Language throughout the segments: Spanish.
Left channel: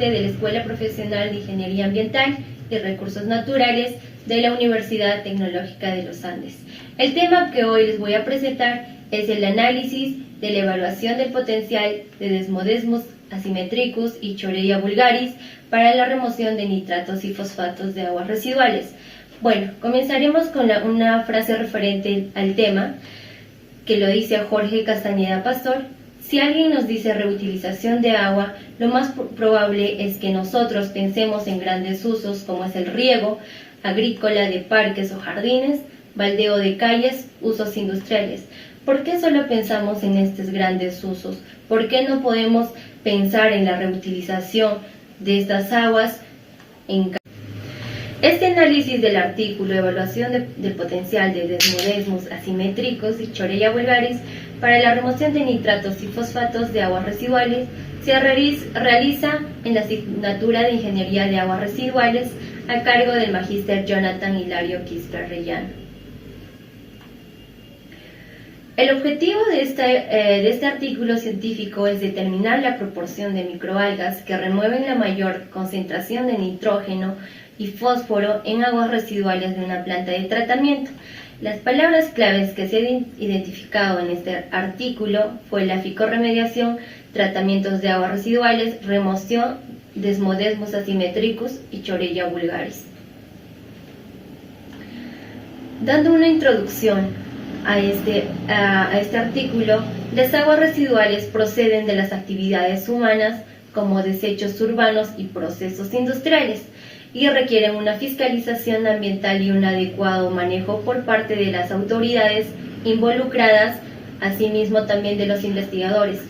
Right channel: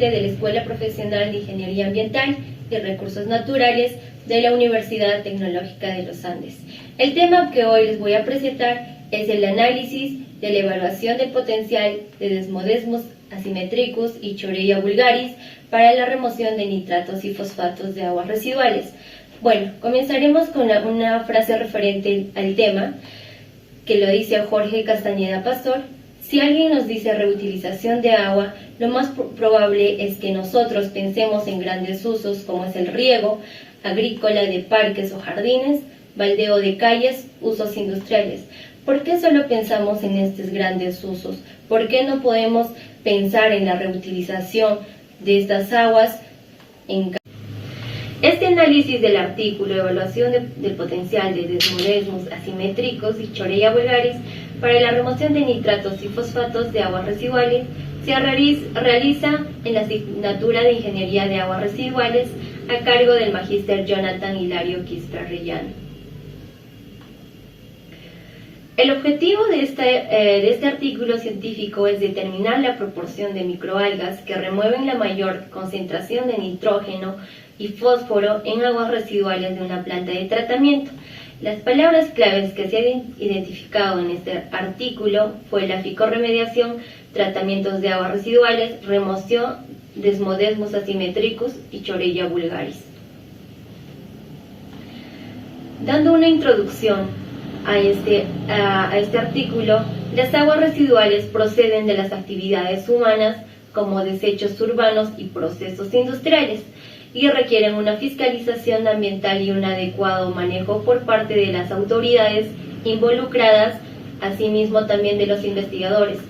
estudiante de la Escuela Profesional de Ingeniería Ambiental y Recursos Naturales de la Universidad Tecnológica de los Andes. El tema que hoy les voy a presentar es el análisis de la evaluación del potencial de Desmodesmus asimetricus y Chorea vulgaris para la remoción de nitratos y fosfatos de aguas residuales. Bueno, comenzaremos con una frase referente al tema, que lo dice Jorge Castañeda Pastor. Si alguien nos dice reutilización de agua, lo más probable es que nosotros pensemos en grandes usos como es el riego agrícola de parques o jardines, baldeo de calles, usos industriales. ¿Por qué solo pensamos en estos grandes usos? ¿Por qué no podemos pensar en la reutilización de estas aguas en Este análisis del artículo Evaluación del potencial de Desmodesmus asimétricos y Chorea vulgaris para la remoción de nitratos y fosfatos de aguas residuales se realiza en la asignatura de Ingeniería de Aguas Residuales a cargo del magíster Jonathan Hilario Quispe Arellano. El objetivo de este artículo científico es determinar la proporción de microalgas que remueven la mayor concentración de nitrógeno y fósforo en aguas residuales de una planta de tratamiento. Las palabras claves que se han identificado en este artículo fue la ficorremediación, tratamientos de aguas residuales, remoción, Desmodesmus asimetricus y Chorea vulgaris. Dando una introducción a este artículo, las aguas residuales proceden de las actividades humanas como desechos urbanos y procesos industriales y requieren una fiscalización ambiental y un adecuado manejo por parte de las autoridades involucradas, asimismo también de los investigadores,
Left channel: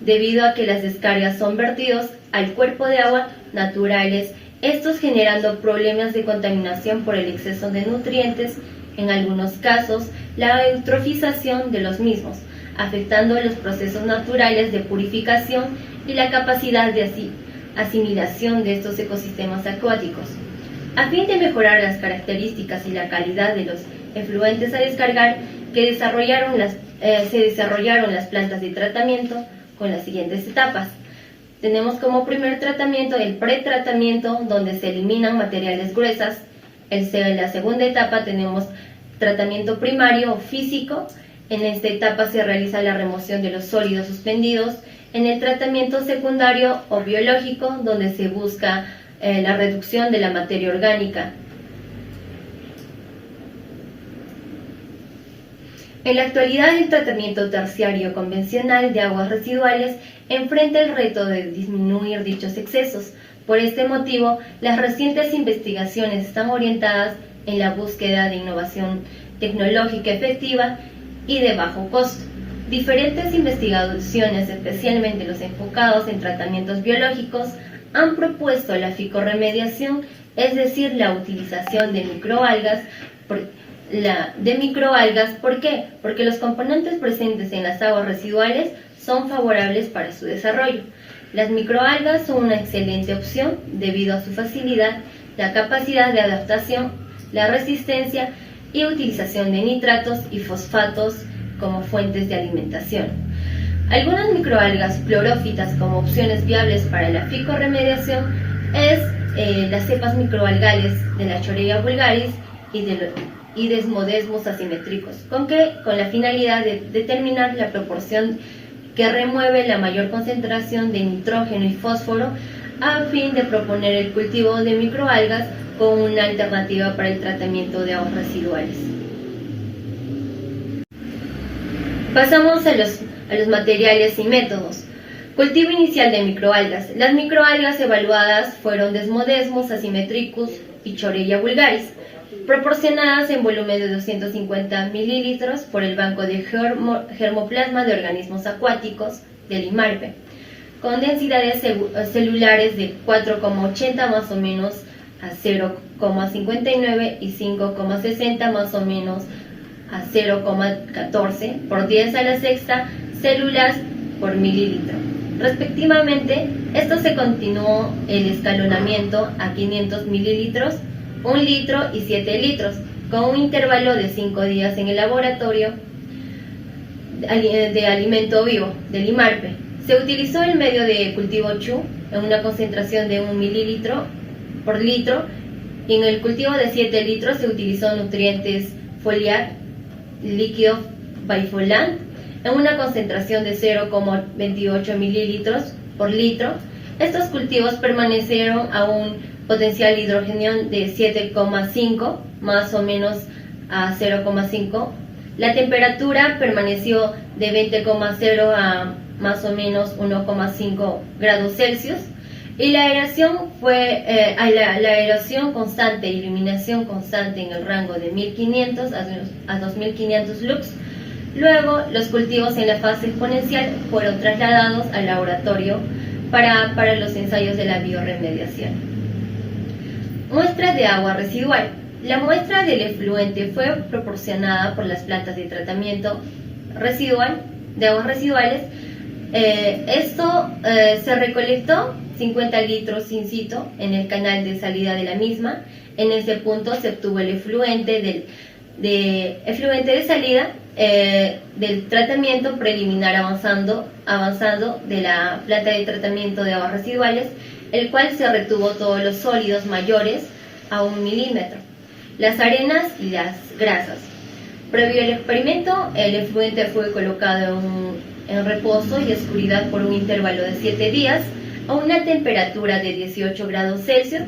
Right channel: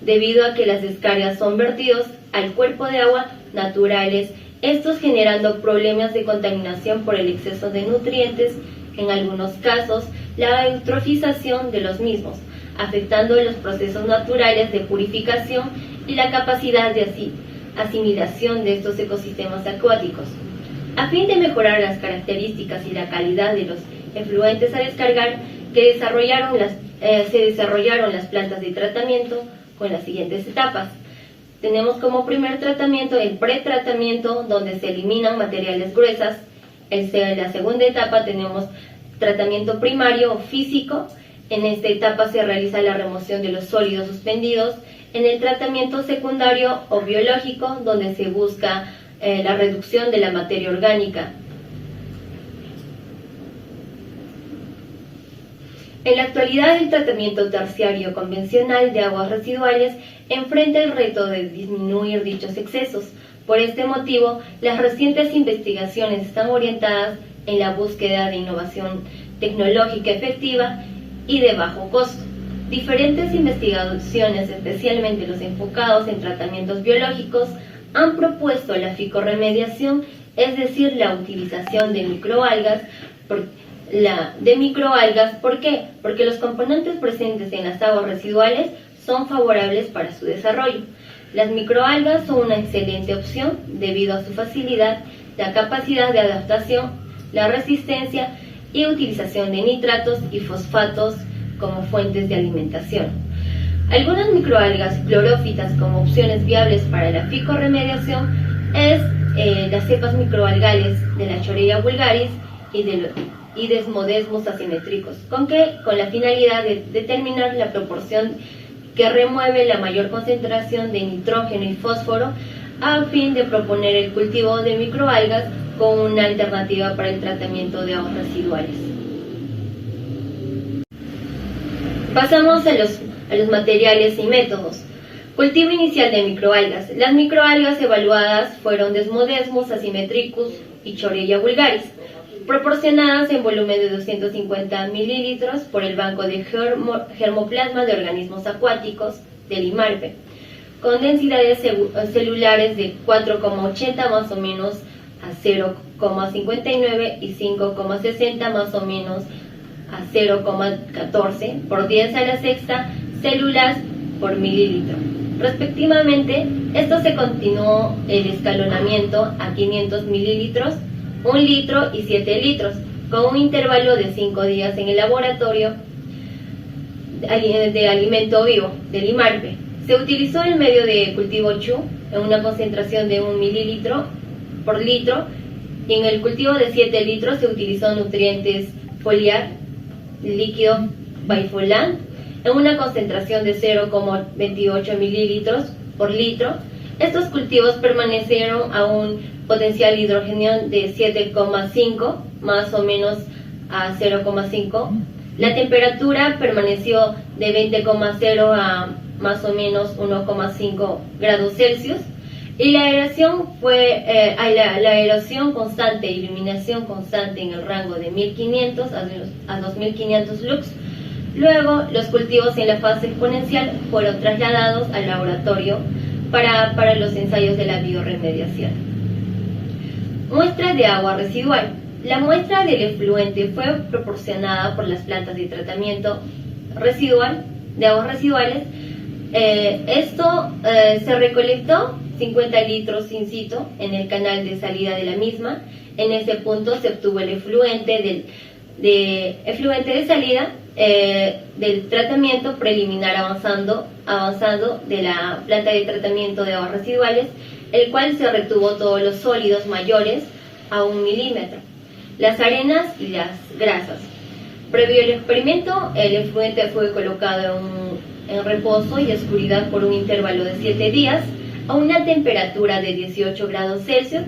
debido a que las descargas son vertidos al cuerpo de agua naturales, estos generando problemas de contaminación por el exceso de nutrientes, en algunos casos la eutrofización de los mismos, afectando los procesos naturales de purificación y la capacidad de asimilación de estos ecosistemas acuáticos. A fin de mejorar las características y la calidad de los efluentes a descargar, se desarrollaron las plantas de tratamiento con las siguientes etapas. Tenemos como primer tratamiento el pretratamiento, donde se eliminan materiales gruesas. En la segunda etapa tenemos tratamiento primario o físico. En esta etapa se realiza la remoción de los sólidos suspendidos. En el tratamiento secundario o biológico, donde se busca la reducción de la materia orgánica. En la actualidad, el tratamiento terciario convencional de aguas residuales enfrenta el reto de disminuir dichos excesos. Por este motivo, las recientes investigaciones están orientadas en la búsqueda de innovación tecnológica efectiva y de bajo costo. Diferentes investigaciones, especialmente los enfocados en tratamientos biológicos, han propuesto la ficorremediación, es decir, la utilización de microalgas. ¿Por qué? Porque los componentes presentes en las aguas residuales son favorables para su desarrollo. Las microalgas son una excelente opción debido a su facilidad, la capacidad de adaptación, la resistencia y utilización de nitratos y fosfatos como fuentes de alimentación. Algunas microalgas clorófitas como opciones viables para la ficorremediación es las cepas microalgales de la Chorea vulgaris y Desmodesmus asimétricos, con la finalidad de determinar la proporción que remueve la mayor concentración de nitrógeno y fósforo a fin de proponer el cultivo de microalgas como una alternativa para el tratamiento de aguas residuales. Pasamos a los materiales y métodos. Cultivo inicial de microalgas. Las microalgas evaluadas fueron Desmodesmus asimetricus y Chorea vulgaris, proporcionadas en volumen de 250 mililitros por el Banco de Germoplasma de Organismos Acuáticos del IMARPE, con densidades celulares de 4,80 más o menos a 0,59 y 5,60 más o menos a 0,14 por 10 a la sexta células por mililitro. Respectivamente, esto se continuó el escalonamiento a 500 mililitros, 1 litro y 7 litros, con un intervalo de 5 días en el laboratorio de alimento vivo del IMARPE. Se utilizó el medio de cultivo CHU en una concentración de 1 mililitro por litro, y en el cultivo de 7 litros se utilizó nutrientes foliar líquido Bifolan en una concentración de 0,28 mililitros por litro. Estos cultivos permanecieron a un potencial hidrógeno de 7,5 más o menos a 0,5. La temperatura permaneció de 20,0 a más o menos 1,5 grados Celsius, y la aeración fue la aeración constante e iluminación constante en el rango de 1500 a 2500 lux. Luego, los cultivos en la fase exponencial fueron trasladados al laboratorio para los ensayos de la bioremediación. Muestra de agua residual. La muestra del efluente fue proporcionada por las plantas de tratamiento residual de aguas residuales. Se recolectó 50 litros in situ en el canal de salida de la misma. En ese punto se obtuvo el efluente de salida del tratamiento preliminar avanzado de la planta de tratamiento de aguas residuales, el cual se retuvo todos los sólidos mayores a 1 milímetro, las arenas y las grasas. Previo al experimento, el efluente fue colocado en reposo y oscuridad por un intervalo de 7 días a una temperatura de 18 grados Celsius,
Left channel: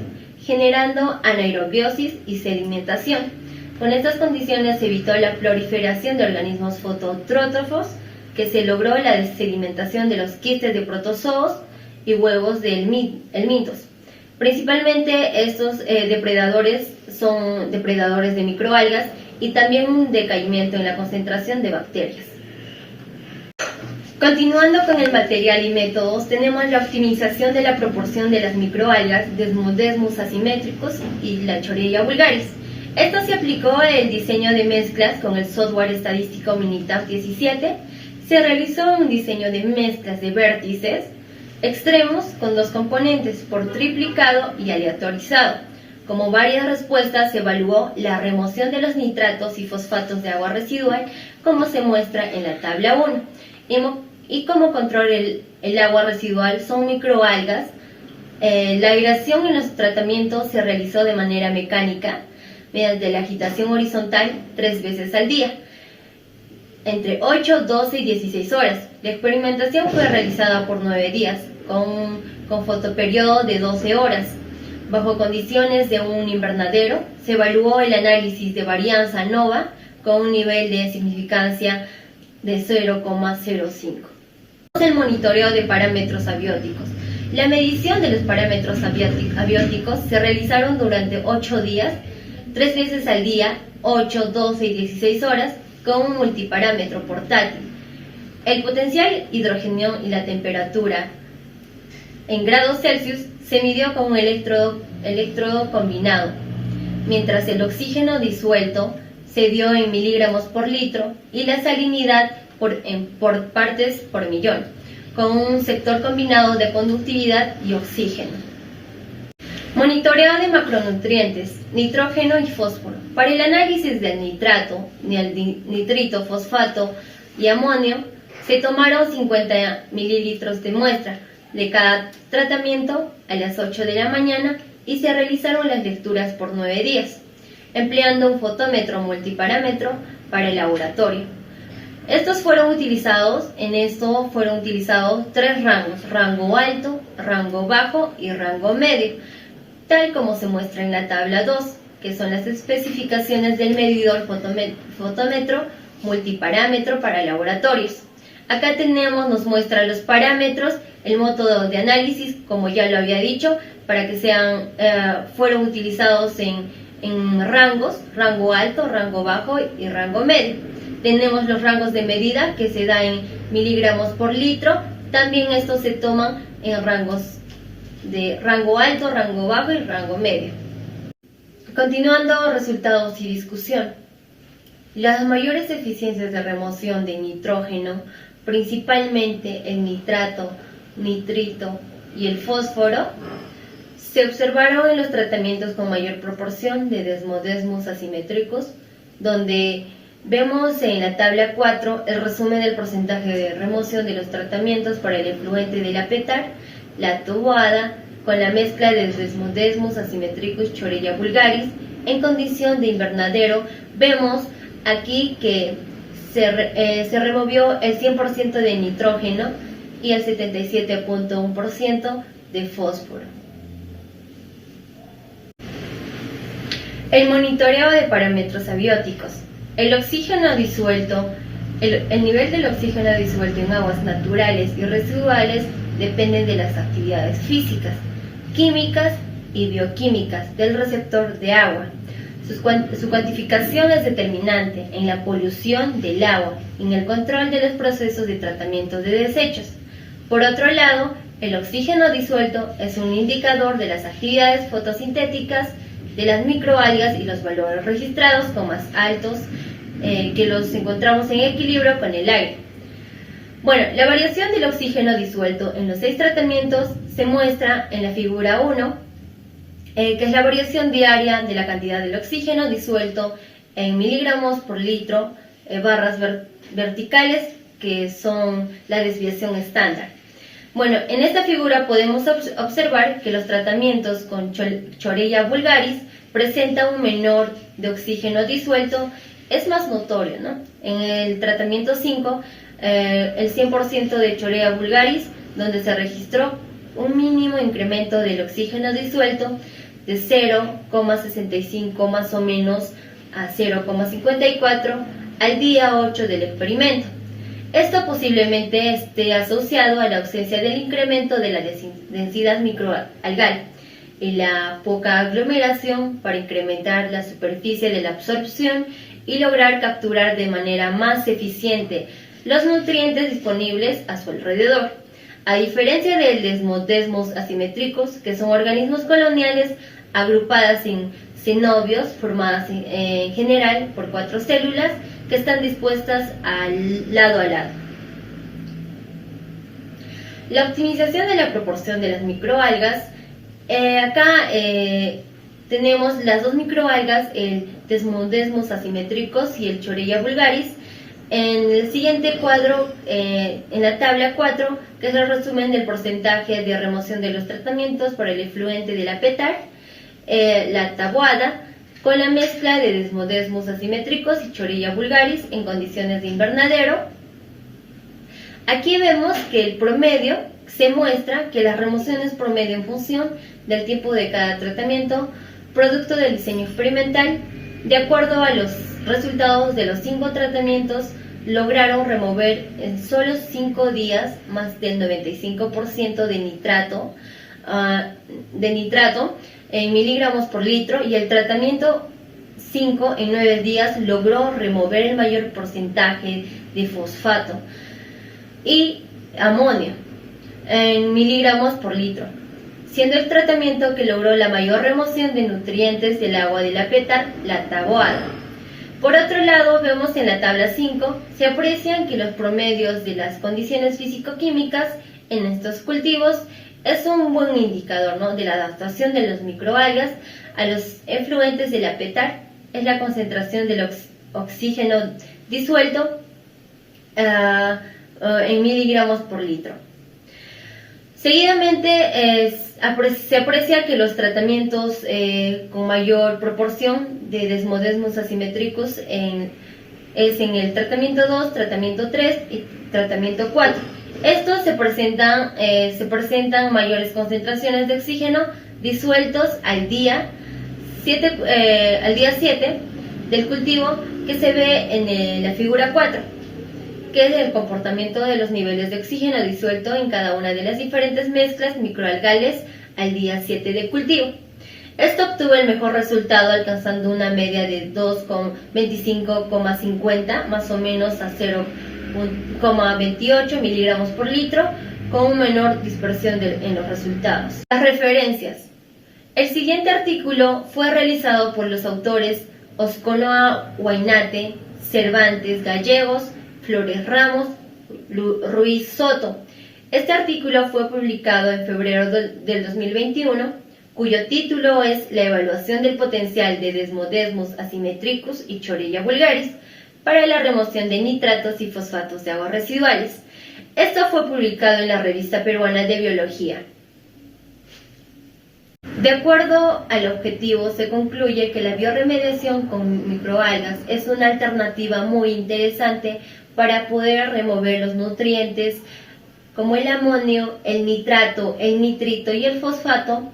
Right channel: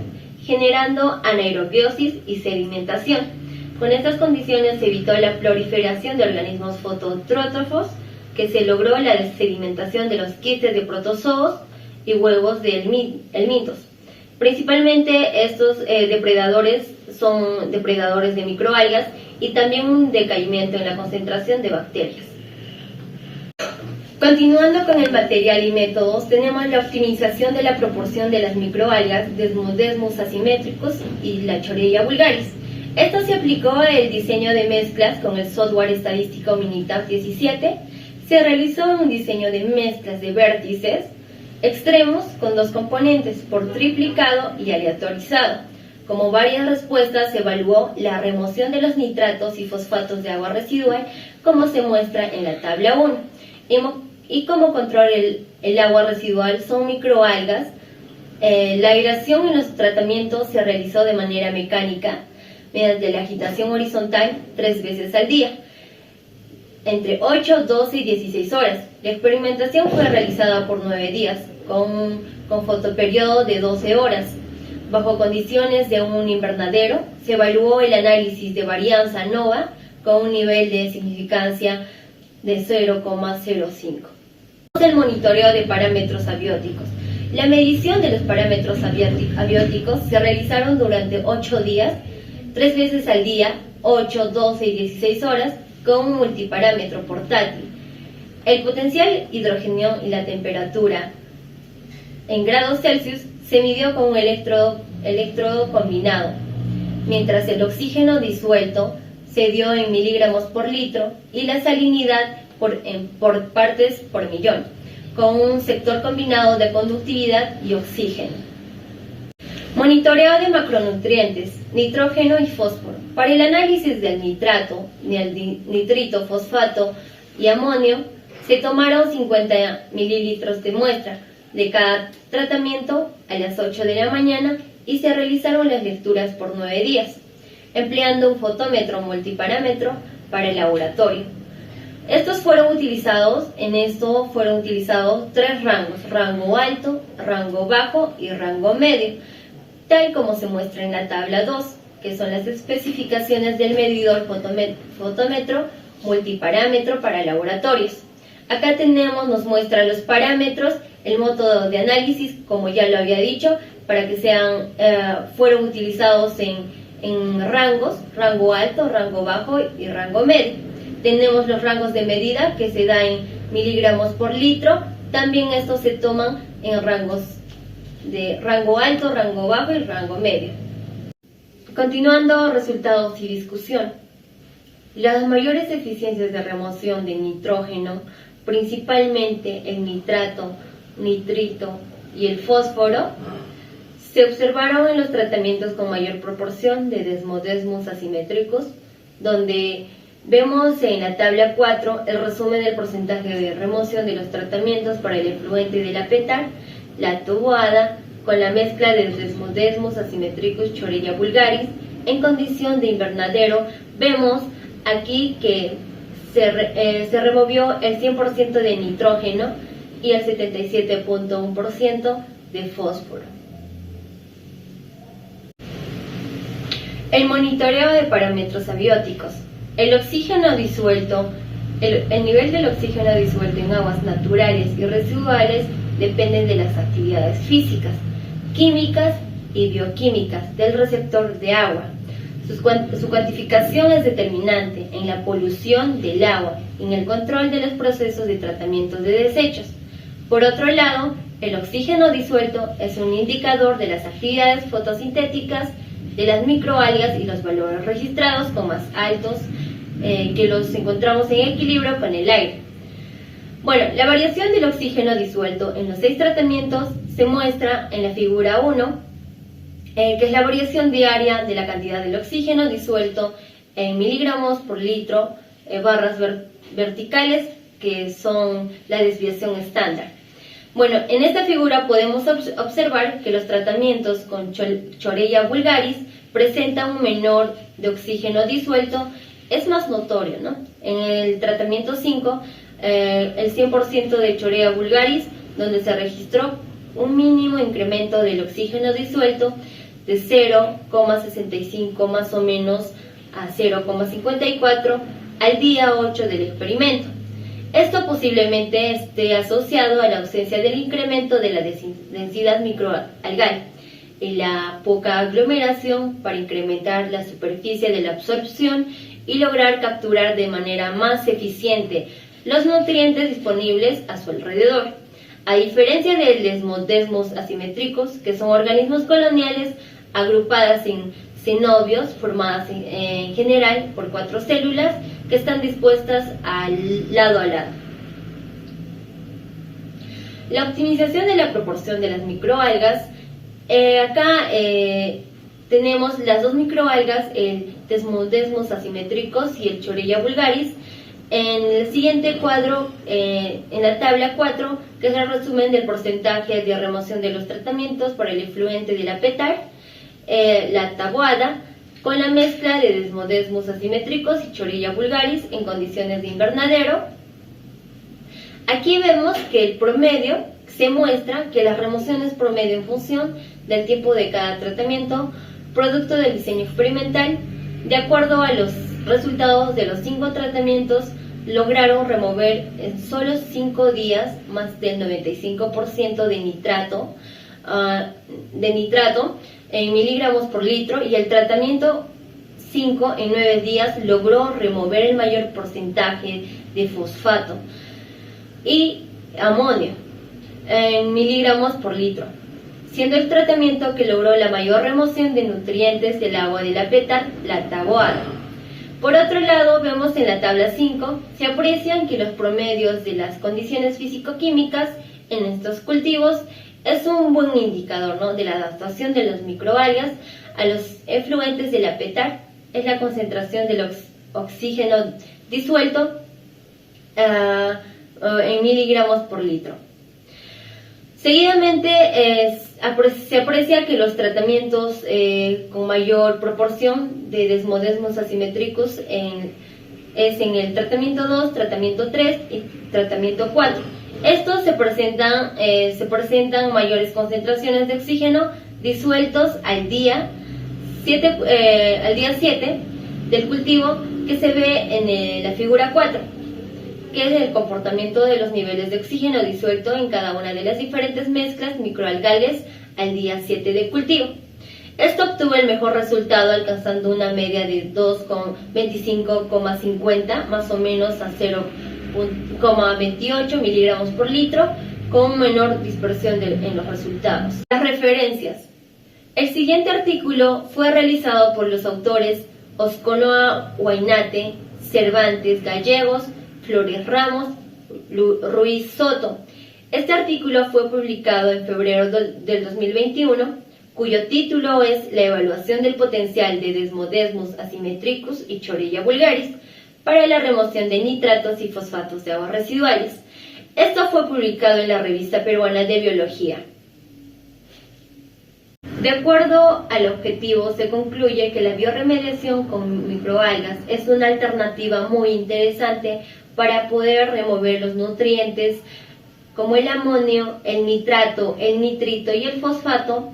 generando anaerobiosis y sedimentación. Con estas condiciones se evitó la proliferación de organismos fototrófos, que se logró la sedimentación de los quistes de protozoos y huevos de helmintos. Principalmente estos depredadores son depredadores de microalgas, y también un decaimiento en la concentración de bacterias. Continuando con el material y métodos, tenemos la optimización de la proporción de las microalgas Desmodesmus asimétricos y la Chorella vulgaris. Esto se aplicó el diseño de mezclas con el software estadístico Minitab 17. Se realizó un diseño de mezclas de vértices extremos con 2 componentes por triplicado y aleatorizado. Como varias respuestas, se evaluó la remoción de los nitratos y fosfatos de agua residual, como se muestra en la tabla 1. Y como control el agua residual son microalgas. La aireación en los tratamientos se realizó de manera mecánica, mediante la agitación horizontal 3 veces al día, entre 8, 12 y 16 horas. La experimentación fue realizada por 9 días, con fotoperiodo de 12 horas. Bajo condiciones de un invernadero, se evaluó el análisis de varianza ANOVA con un nivel de significancia de 0,05. El monitoreo de parámetros abióticos. La medición de los parámetros abióticos se realizaron durante 8 días, 3 veces al día, 8, 12 y 16 horas, con un multiparámetro portátil. El potencial hidrógeno y la temperatura en grados Celsius se midió con un electrodo combinado, mientras el oxígeno disuelto se dio en miligramos por litro y la salinidad por partes por millón, con un sector combinado de conductividad y oxígeno. Monitoreo de macronutrientes, nitrógeno y fósforo. Para el análisis del nitrato, nitrito, fosfato y amonio, se tomaron 50 mililitros de muestra de cada tratamiento a las 8 de la mañana y se realizaron las lecturas por 9 días, empleando un fotómetro multiparámetro para el laboratorio. Fueron utilizados 3 rangos: rango alto, rango bajo y rango medio, tal como se muestra en la tabla 2, que son las especificaciones del medidor fotómetro multiparámetro para laboratorios. Acá nos muestra los parámetros, el método de análisis, como ya lo había dicho, para que fueron utilizados en rangos: rango alto, rango bajo y rango medio. Tenemos los rangos de medida, que se da en miligramos por litro. También estos se toman en rangos de rango alto, rango bajo y rango medio. Continuando, resultados y discusión. Las mayores eficiencias de remoción de nitrógeno, principalmente el nitrato, nitrito y el fósforo, se observaron en los tratamientos con mayor proporción de Desmodesmus asimétricos, donde Vemos en la tabla 4 el resumen del porcentaje de remoción de los tratamientos para el efluente de la PETAR, la taboada, con la mezcla de Desmodesmus asimetricus Chorella vulgaris en condición de invernadero. Vemos aquí que se removió el 100% de nitrógeno y el 77.1% de fósforo. El monitoreo de parámetros abióticos. El oxígeno disuelto, el nivel del oxígeno disuelto en aguas naturales y residuales depende de las actividades físicas, químicas y bioquímicas del receptor de agua. Su cuantificación es determinante en la polución del agua y en el control de los procesos de tratamiento de desechos. Por otro lado, el oxígeno disuelto es un indicador de las actividades fotosintéticas de las microalgas y los valores registrados son más altos que los encontramos en equilibrio con el aire. Bueno, la variación del oxígeno disuelto en los 6 tratamientos se muestra en la figura 1, que es la variación diaria de la cantidad del oxígeno disuelto en miligramos por litro, barras verticales, que son la desviación estándar. Bueno, en esta figura podemos observar que los tratamientos con Chorella vulgaris presentan un menor de oxígeno disuelto, es más notorio, ¿no? En el tratamiento 5, el 100% de Chorella vulgaris, donde se registró un mínimo incremento del oxígeno disuelto de 0,65 más o menos a 0,54 al día 8 del experimento. Esto posiblemente esté asociado a la ausencia del incremento de la densidad microalgal y la poca aglomeración para incrementar la superficie de la absorción y lograr capturar de manera más eficiente los nutrientes disponibles a su alrededor. A diferencia del Desmodesmus asimétricos, que son organismos coloniales agrupadas en cenobios formadas en general por 4 células que están dispuestas al lado a lado. La optimización de la proporción de las microalgas. Acá tenemos las 2 microalgas, el Desmodesmus asimétricos y el Chorella vulgaris. En el siguiente cuadro, en la tabla 4, que es el resumen del porcentaje de remoción de los tratamientos por el efluente de la PETAR, la taboada, con la mezcla de Desmodesmus asimétricos y Chorella vulgaris en condiciones de invernadero. Aquí vemos que el promedio se muestra que las remociones promedio en función del tiempo de cada tratamiento, producto del diseño experimental, de acuerdo a los resultados de los 5 tratamientos, lograron remover en solo 5 días más del 95% de nitrato en miligramos por litro, y el tratamiento 5 en 9 días logró remover el mayor porcentaje de fosfato y amonio en miligramos por litro, siendo el tratamiento que logró la mayor remoción de nutrientes del agua de la PETAR, la taboada. Por otro lado, vemos en la tabla 5, se aprecian que los promedios de las condiciones físico-químicas en estos cultivos es un buen indicador, ¿no?, de la adaptación de las microalgas a los efluentes de la PETAR. Es la concentración del oxígeno disuelto en miligramos por litro. Seguidamente se aprecia que los tratamientos con mayor proporción de Desmodesmus asimétricos es en el tratamiento 2, tratamiento 3 y tratamiento 4. Estos se presentan mayores concentraciones de oxígeno disueltos al día 7 del cultivo, que se ve en la figura 4, que es el comportamiento de los niveles de oxígeno disuelto en cada una de las diferentes mezclas microalgales al día 7 de cultivo. Esto obtuvo el mejor resultado, alcanzando una media de 2,25,50 más o menos a 0,28 miligramos por litro, con menor dispersión en los resultados. Las referencias. El siguiente artículo fue realizado por los autores Osconoa Huaynate, Cervantes Gallegos, Flores Ramos, Ruiz Soto. Este artículo fue publicado en febrero del 2021, cuyo título es La evaluación del potencial de Desmodesmus asimétricus y Chorella vulgaris, para la remoción de nitratos y fosfatos de aguas residuales. Esto fue publicado en la Revista Peruana de Biología. De acuerdo al objetivo, se concluye que la bioremediación con microalgas es una alternativa muy interesante para poder remover los nutrientes como el amonio, el nitrato, el nitrito y el fosfato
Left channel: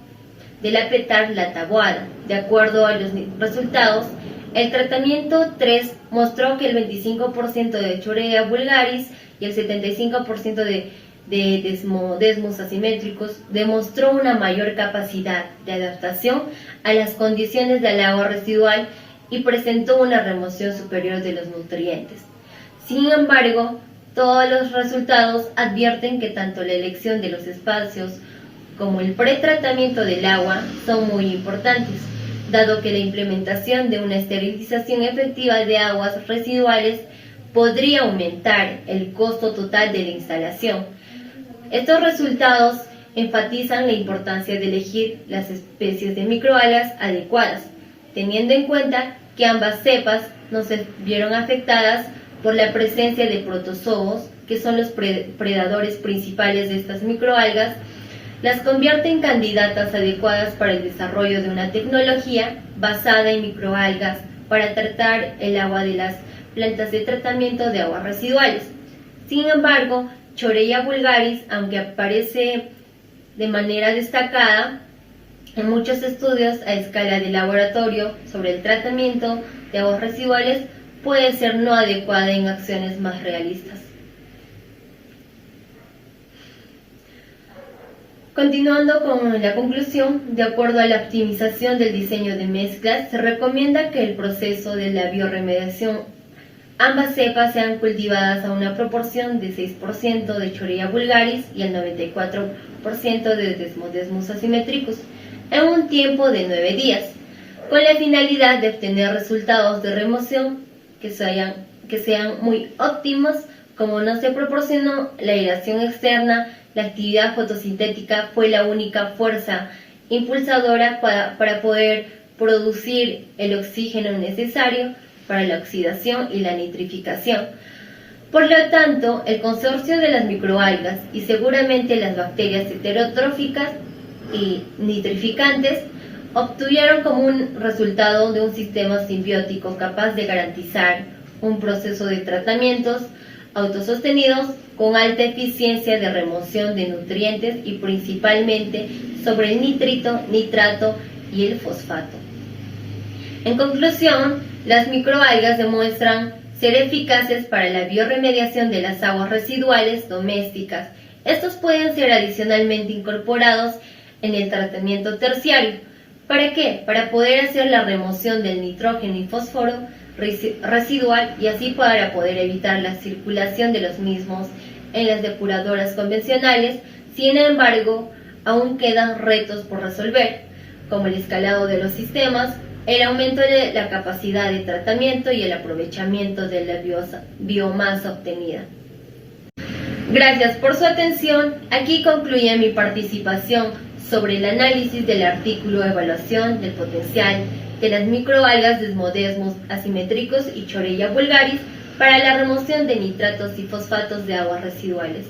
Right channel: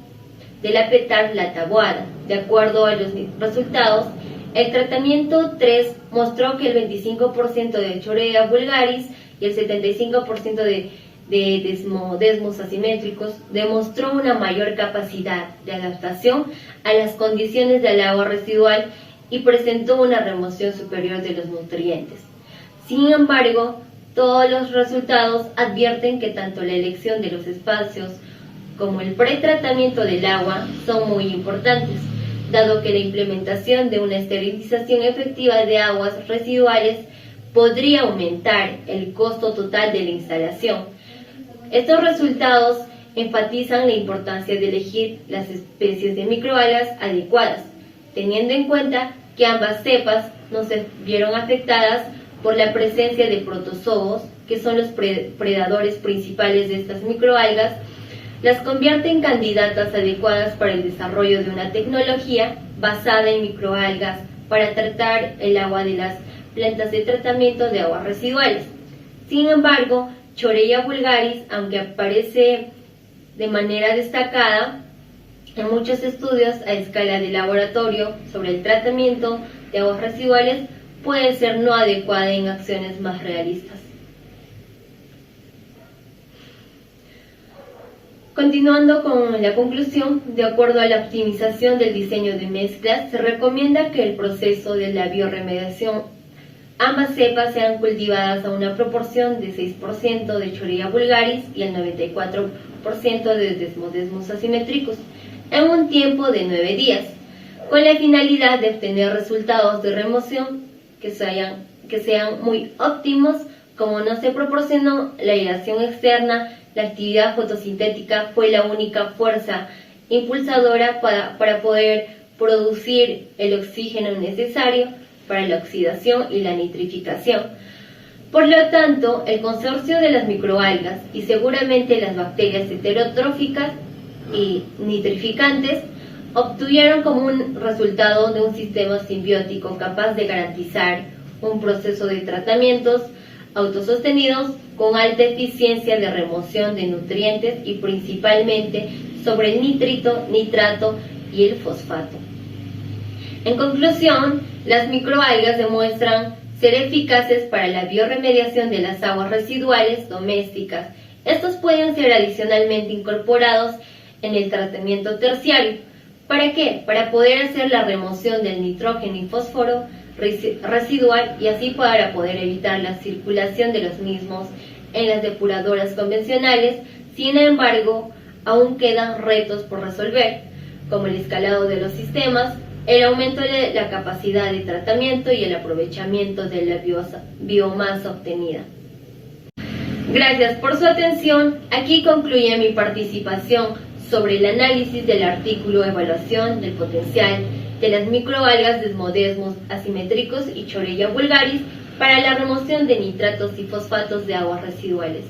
de la petar taboada. De acuerdo a los resultados, el tratamiento 3 mostró que el 25% de Chorea vulgaris y el 75% de desmos asimétricos demostró una mayor capacidad de adaptación a las condiciones del agua residual y presentó una remoción superior de los nutrientes. Sin embargo, todos los resultados advierten que tanto la elección de los espacios como el pretratamiento del agua son muy importantes, dado que la implementación de una esterilización efectiva de aguas residuales podría aumentar el costo total de la instalación. Estos resultados enfatizan la importancia de elegir las especies de microalgas adecuadas, teniendo en cuenta que ambas cepas no se vieron afectadas por la presencia de protozoos, que son los predadores principales de estas microalgas, las convierte en candidatas adecuadas para el desarrollo de una tecnología basada en microalgas para tratar el agua de las plantas de tratamiento de aguas residuales. Sin embargo, Chorea vulgaris, aunque aparece de manera destacada en muchos estudios a escala de laboratorio sobre el tratamiento de aguas residuales, puede ser no adecuada en acciones más realistas. Continuando con la conclusión, de acuerdo a la optimización del diseño de mezclas, se recomienda que el proceso de la bioremediación, ambas cepas sean cultivadas a una proporción de 6% de Chorea vulgaris y el 94% de desmos asimétricos en un tiempo de 9 días, con la finalidad de obtener resultados de remoción que sean muy óptimos. Como no se proporcionó la aireación externa, la actividad fotosintética fue la única fuerza impulsadora para poder producir el oxígeno necesario para la oxidación y la nitrificación. Por lo tanto, el consorcio de las microalgas y seguramente las bacterias heterotróficas y nitrificantes obtuvieron como un resultado de un sistema simbiótico capaz de garantizar un proceso de tratamientos autosostenidos con alta eficiencia de remoción de nutrientes y principalmente sobre el nitrito, nitrato y el fosfato. En conclusión, las microalgas demuestran ser eficaces para la bioremediación de las aguas residuales domésticas. Estos pueden ser adicionalmente incorporados en el tratamiento terciario. ¿Para qué? Para poder hacer la remoción del nitrógeno y fósforo residual y así para poder evitar la circulación de los mismos en las depuradoras convencionales. Sin embargo, aún quedan retos por resolver, como el escalado de los sistemas, el aumento de la capacidad de tratamiento y el aprovechamiento de la biomasa obtenida. Gracias por su atención. Aquí concluye mi participación sobre el análisis del artículo Evaluación del potencial de las microalgas desmos asimétricos y Chorea vulgaris para la remoción de nitratos y fosfatos de aguas residuales.